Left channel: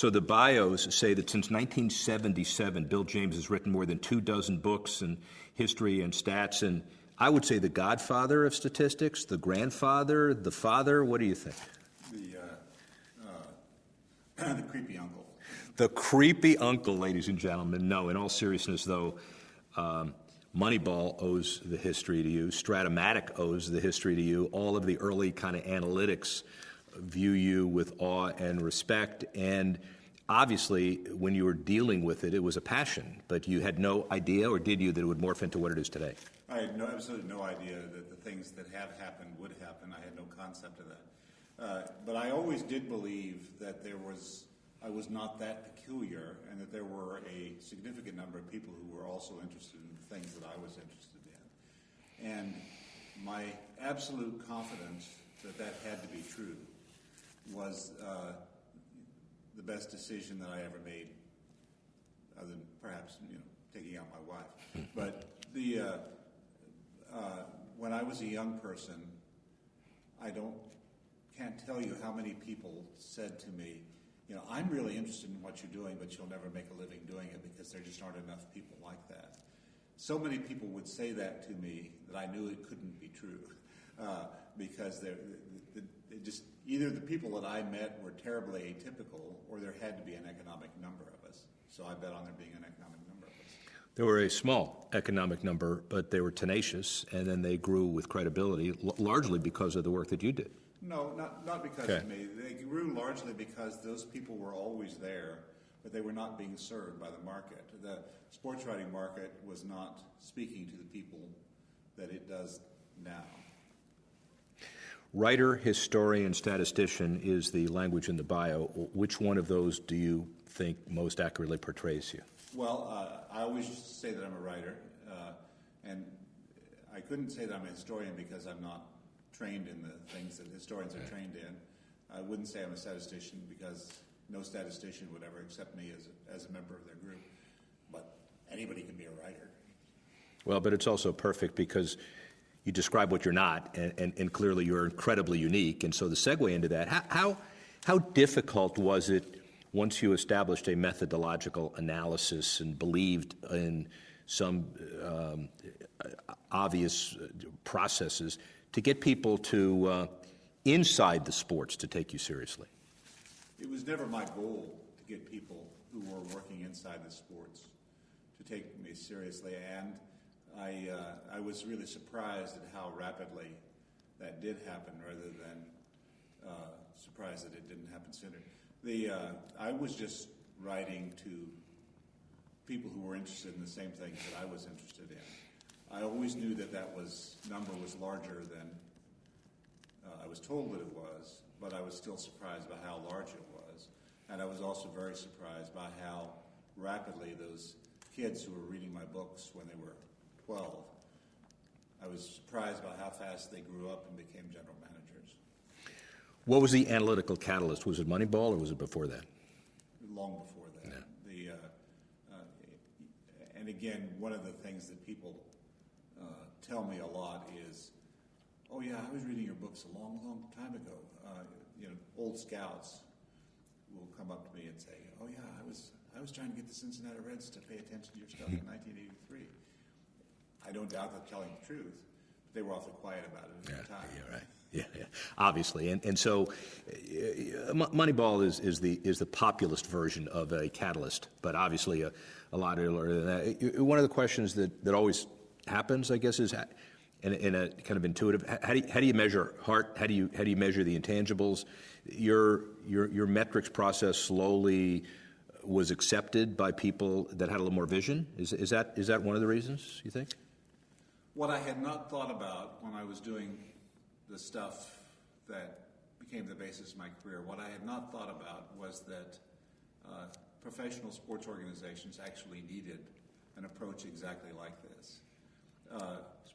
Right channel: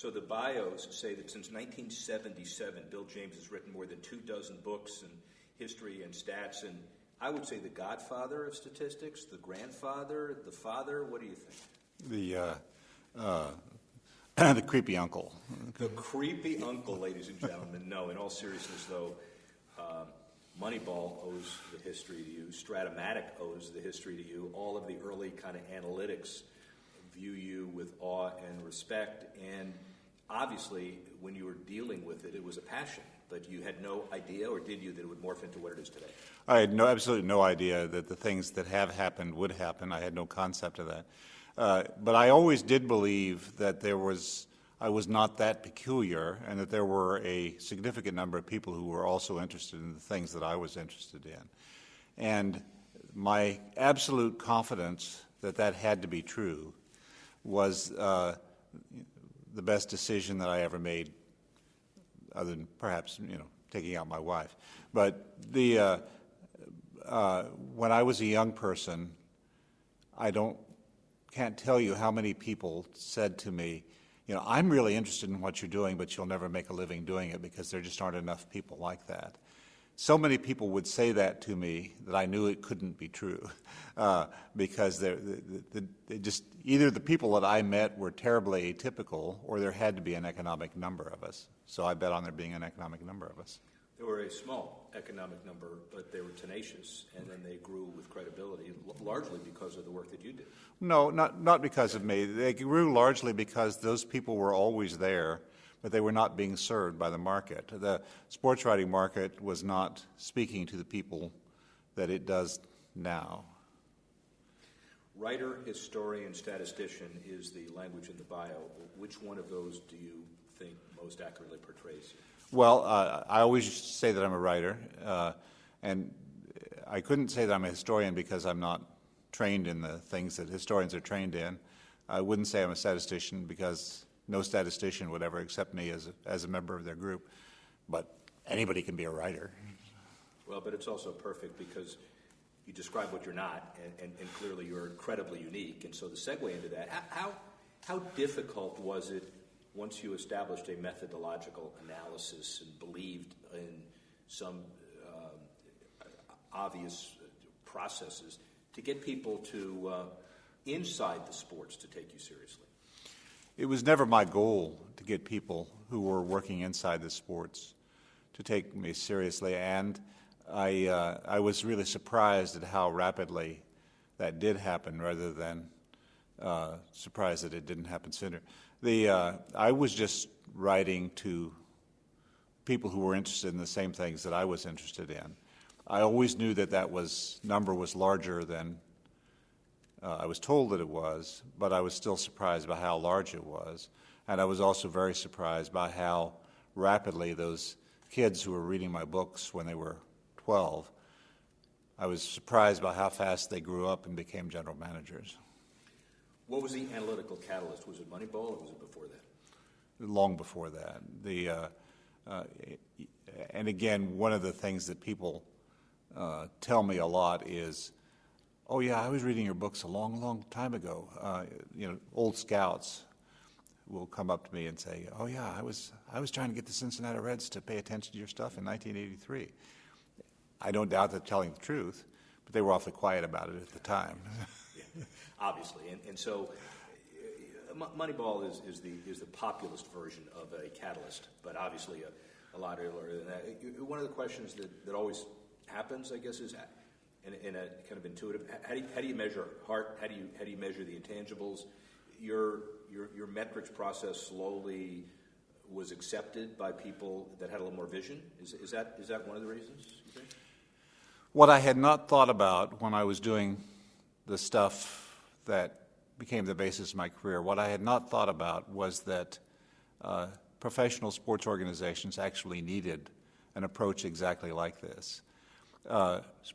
So the bios say that since 1977, Bill James has written more than 24 books in history and stats, and I would say the godfather of statistics, the grandfather, the father. What do you think? The creepy uncle. The creepy uncle, ladies and gentlemen. No, in all seriousness, though, Moneyball owes the history to you. Stratomatic owes the history to you. All of the early kind of analytics view you with awe and respect. And obviously, when you were dealing with it, it was a passion. But you had no idea, or did you, that it would morph into what it is today? I had absolutely no idea that the things that have happened would happen. I had no concept of that. But I always did believe that I was not that peculiar, and that there were a significant number of people who were also interested in the things that I was interested in. And my absolute confidence that that had to be true was the best decision that I ever made, other than perhaps, taking out my wife. But when I was a young person, can't tell you how many people said to me, I'm really interested in what you're doing, but you'll never make a living doing it because there just aren't enough people like that. So many people would say that to me that I knew it couldn't be true, because either the people that I met were terribly atypical, or there had to be an economic number of us. So I bet on there being an economic number of us. There were a small economic number, but they were tenacious, and then they grew with credibility, largely because of the work that you did. No, not because of me. They grew largely because those people were always there, but they were not being served by the market. The sports writing market was not speaking to the people that it does now. Writer, historian, statistician is the language in the bio. Which one of those do you think most accurately portrays you? Well, I always say that I'm a writer, and I couldn't say that I'm a historian because I'm not trained in the things that historians are trained in. I wouldn't say I'm a statistician because no statistician would ever accept me as a member of their group, but anybody can be a writer. Well, but it's also perfect because you describe what you're not, and clearly you're incredibly unique. And so the segue into that, how difficult was it once you established a methodological analysis and believed in some obvious processes to get people to inside the sports to take you seriously? It was never my goal to get people who were working inside the sports to take me seriously, and I was really surprised at how rapidly that did happen, rather than surprised that it didn't happen sooner. I was just writing to people who were interested in the same things that I was interested in. I always knew that number was larger than I was told that it was, but I was still surprised by how large it was. And I was also very surprised by how rapidly those kids who were reading my books when they were 12, I was surprised by how fast they grew up and became general managers. What was the analytical catalyst? Was it Moneyball, or was it before that? Long before that. And again, one of the things that people tell me a lot is, oh yeah, I was reading your books a long, long time ago. Old scouts will come up to me and say, oh yeah, I was trying to get the Cincinnati Reds to pay attention to your stuff in 1983. I don't doubt they're telling the truth, but they were awfully quiet about it at the time. Yeah, obviously, and so Moneyball is the populist version of a catalyst, but obviously a lot earlier than that. One of the questions that always happens, I guess, is in a kind of intuitive. How do you measure heart? How do you measure the intangibles? Your metrics process slowly was accepted by people that had a little more vision. Is that one of the reasons, you think? What I had not thought about when I was doing the stuff that became the basis of my career, what I had not thought about was that professional sports organizations actually needed an approach exactly like this.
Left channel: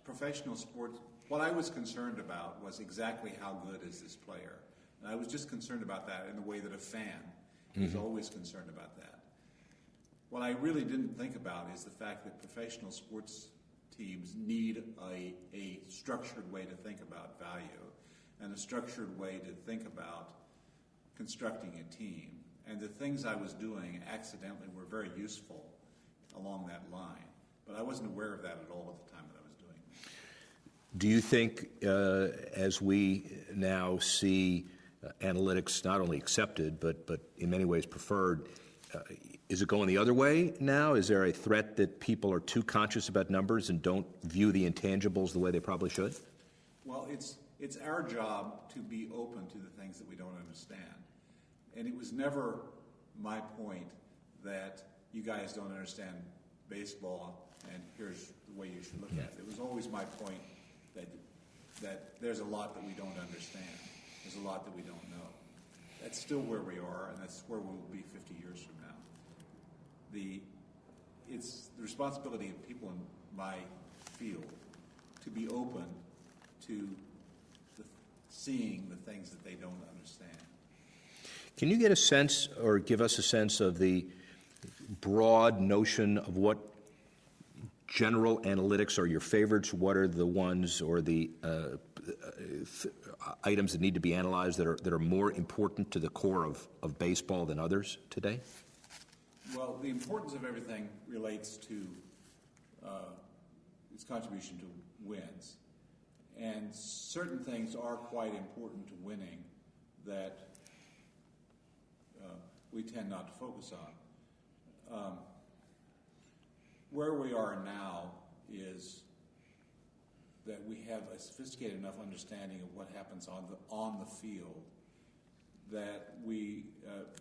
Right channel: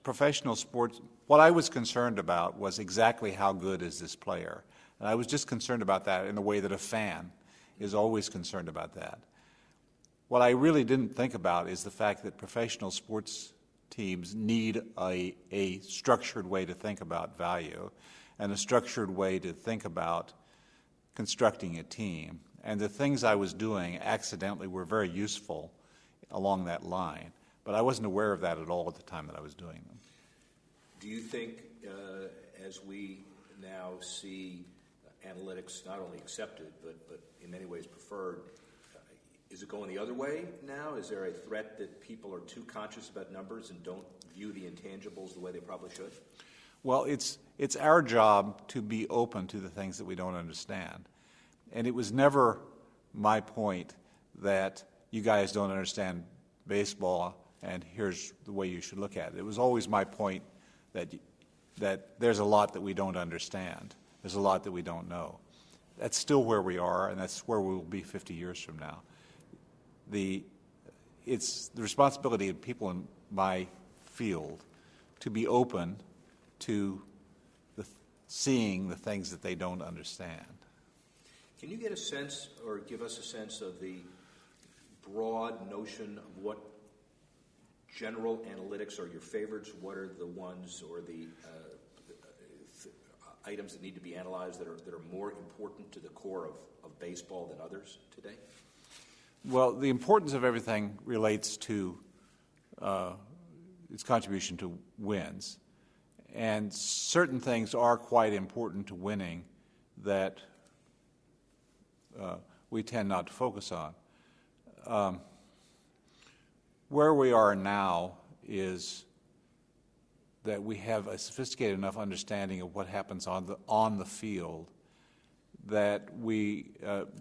Professional sports, what I was concerned about was exactly how good is this player. And I was just concerned about that in the way that a fan is always concerned about that. What I really didn't think about is the fact that professional sports teams need a structured way to think about value and a structured way to think about constructing a team. And the things I was doing accidentally were very useful along that line. But I wasn't aware of that at all at the time that I was doing them. Do you think, as we now see analytics not only accepted, but in many ways preferred, is it going the other way now? Is there a threat that people are too conscious about numbers and don't view the intangibles the way they probably should? Well, it's our job to be open to the things that we don't understand. And it was never my point that you guys don't understand baseball and here's the way you should look at it. It was always my point that there's a lot that we don't understand. There's a lot that we don't know. That's still where we are, and that's where we will be 50 years from now. It's the responsibility of people in my field to be open to seeing the things that they don't understand. Can you get a sense or give us a sense of the broad notion of what general analytics are your favorites? What are the ones or the items that need to be analyzed that are more important to the core of baseball than others today? Well, the importance of everything relates to its contribution to wins. And certain things are quite important to winning that we tend not to focus on. Where we are now is that we have a sophisticated enough understanding of what happens on the field that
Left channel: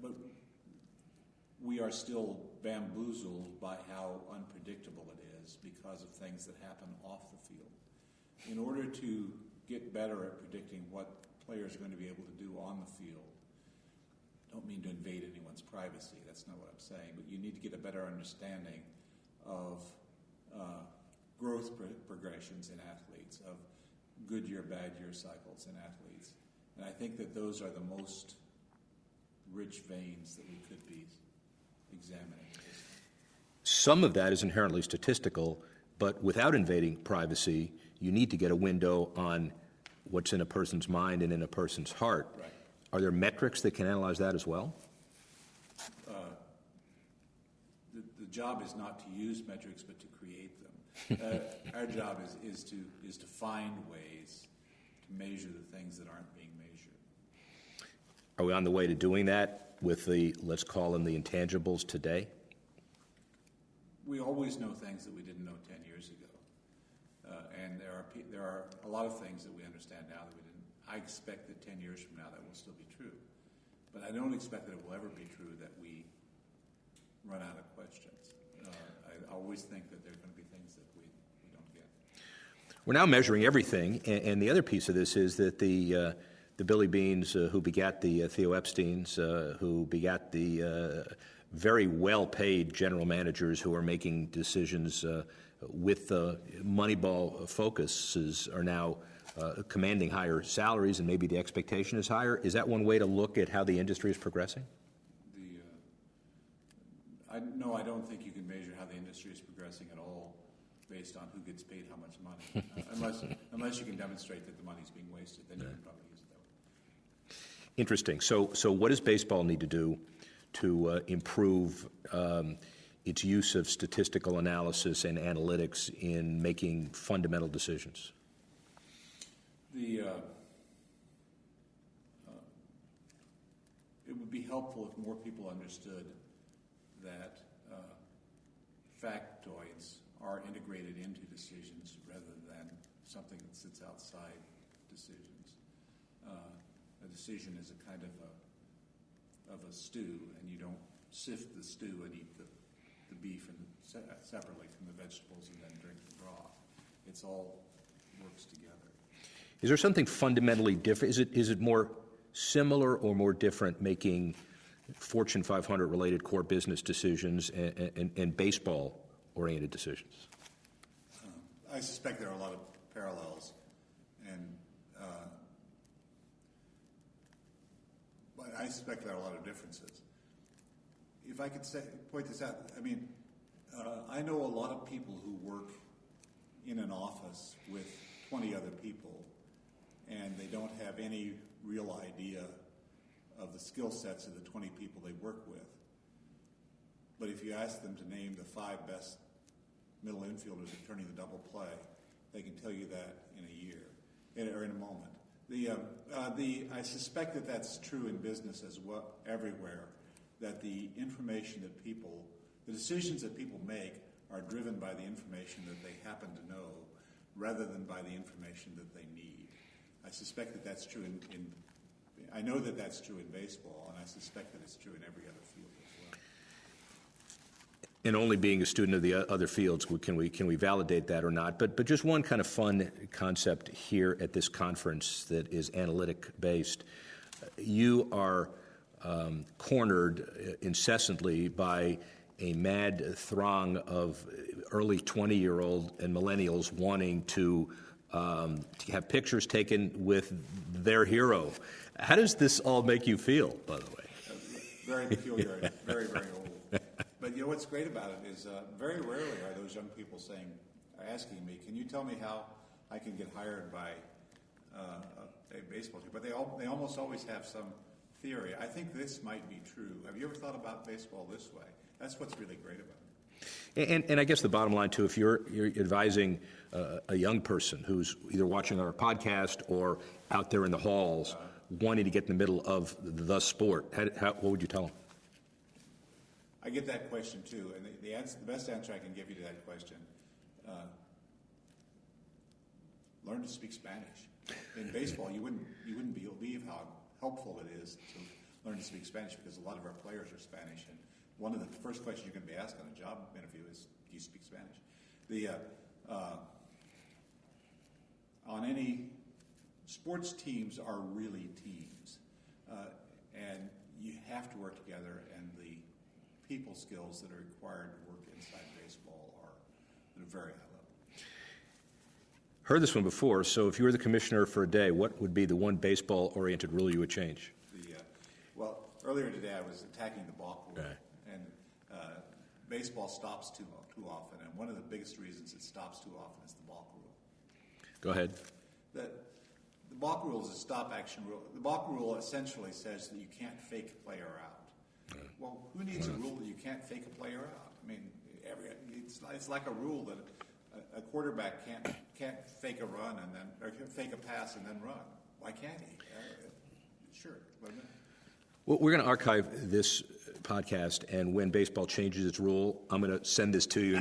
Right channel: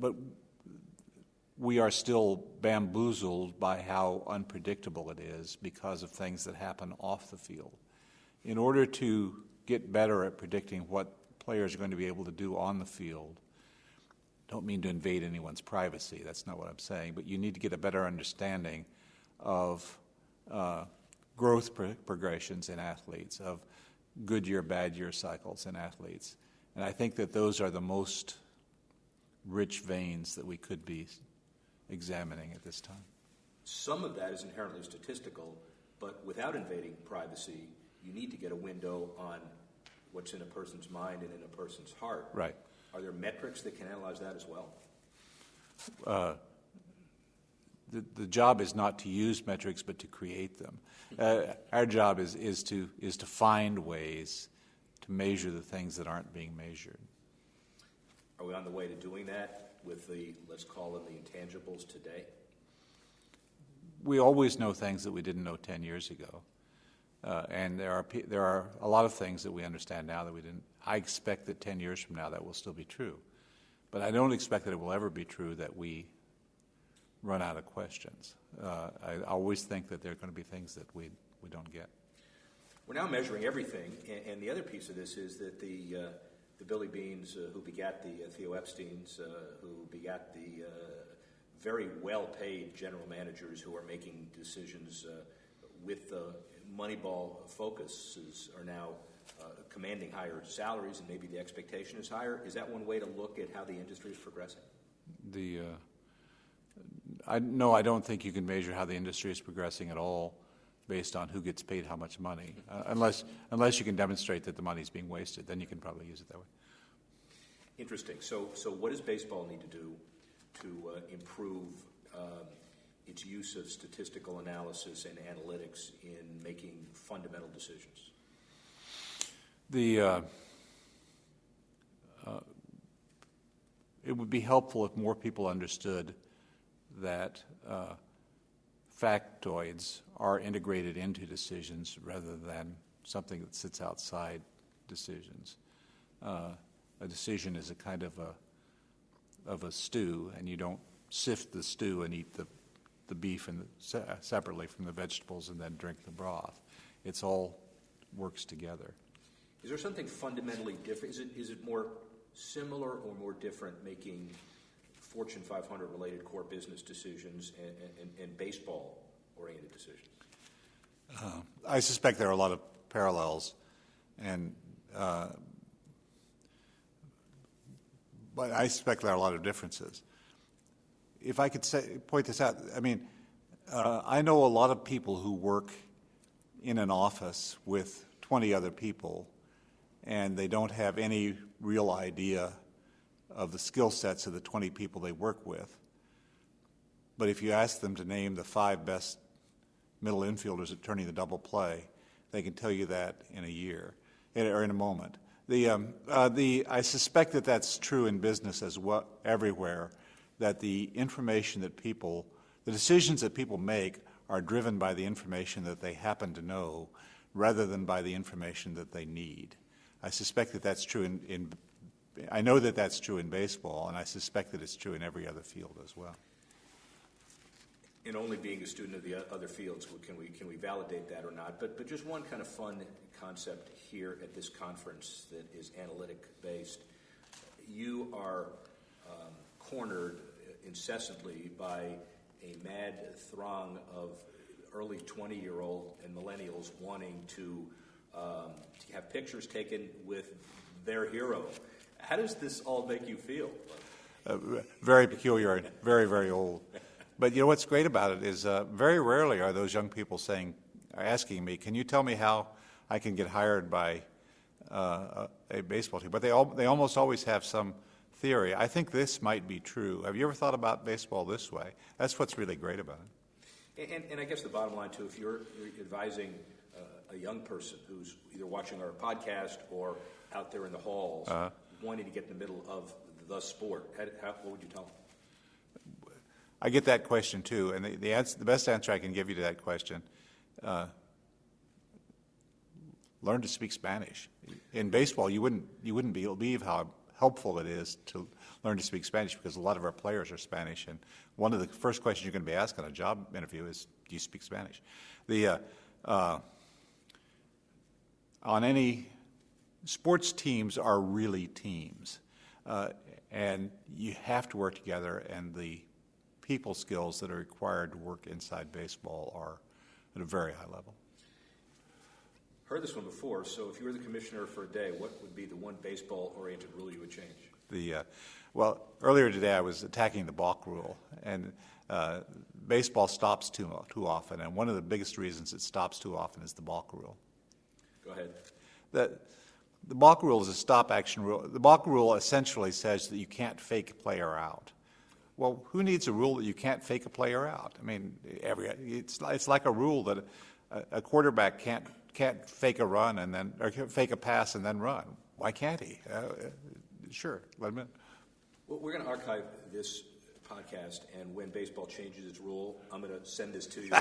but we are still bamboozled by how unpredictable it is because of things that happen off the field. In order to get better at predicting what players are going to be able to do on the field, don't mean to invade anyone's privacy, that's not what I'm saying, but you need to get a better understanding of growth progressions in athletes, of good year, bad year cycles in athletes. And I think that those are the most rich veins that we could be examining at this time. Some of that is inherently statistical, but without invading privacy, you need to get a window on what's in a person's mind and in a person's heart. Right. Are there metrics that can analyze that as well? The job is not to use metrics, but to create them. Our job is to find ways to measure the things that aren't being measured. Are we on the way to doing that with the, let's call them the intangibles today? We always know things that we didn't know 10 years ago. And there are a lot of things that we understand now that we didn't. I expect that 10 years from now that will still be true. But I don't expect that it will ever be true that we run out of questions. I always think that there are going to be things that we don't get. We're now measuring everything, and the other piece of this is that the Billy Beans who begat the Theo Epsteins, who begat the very well-paid general managers who are making decisions with Moneyball focuses are now commanding higher salaries, and maybe the expectation is higher. Is that one way to look at how the industry is progressing? No, I don't think you can measure how the industry is progressing at all based on who gets paid how much money, unless you can demonstrate that the money is being wasted. Then you can probably use it that way. Interesting. So what does baseball need to do to improve its use of statistical analysis and analytics in making fundamental decisions? It would be helpful if more people understood that factoids are integrated into decisions rather than something that sits outside decisions. A decision is a kind of a stew, and you don't sift the stew and eat the beef separately from the vegetables and then drink the broth. It's all works together. Is there something fundamentally different? Is it more similar or more different making Fortune 500 related core business decisions and baseball-oriented decisions? I suspect there are a lot of parallels, but I suspect there are a lot of differences. If I could point this out, I know a lot of people who work in an office with 20 other people, and they don't have any real idea of the skill sets of the 20 people they work with. But if you ask them to name the 5 best middle infielders at turning the double play, they can tell you that in a year, or in a moment. I suspect that that's true in business as well, everywhere, that the information that the decisions that people make are driven by the information that they happen to know rather than by the information that they need. I suspect that that's true I know that that's true in baseball, and I suspect that it's true in every other field as well. And only being a student of the other fields, can we validate that or not? But just one kind of fun concept here at this conference that is analytic based. You are cornered incessantly by a mad throng of early 20-year-old and millennials wanting to have pictures taken with their hero. How does this all make you feel, by the way? Very peculiar and very, very old. But you know what's great about it is very rarely are those young people asking me, can you tell me how I can get hired by a baseball team? But they almost always have some theory. I think this might be true. Have you ever thought about baseball this way? That's what's really great about it. And I guess the bottom line, too, if you're advising a young person who's either watching our podcast or out there in the halls wanting to get in the middle of the sport, what would you tell them? I get that question too, and the best answer I can give you to that question, learn to speak Spanish. In baseball, you wouldn't believe how helpful it is to learn to speak Spanish because a lot of our players are Spanish, and one of the first questions you're going to be asked on a job interview is, do you speak Spanish? On any sports, teams are really teams, and you have to work together, and the people skills that are required to work inside baseball are at a very high level. Heard this one before, so if you were the commissioner for a day, what would be the one baseball-oriented rule you would change? Well, earlier today I was attacking the balk rule, and baseball stops too often, and one of the biggest reasons it stops too often is the balk rule. Go ahead. The balk rule is a stop-action rule. The balk rule essentially says that you can't fake a player out. Well, who needs a rule that you can't fake a player out? I mean, it's like a rule that a quarterback can't fake a run or fake a pass and then run. Why can't he? Sure, let him in. Well, we're going to archive this podcast, and when baseball changes its rule, I'm going to send this to you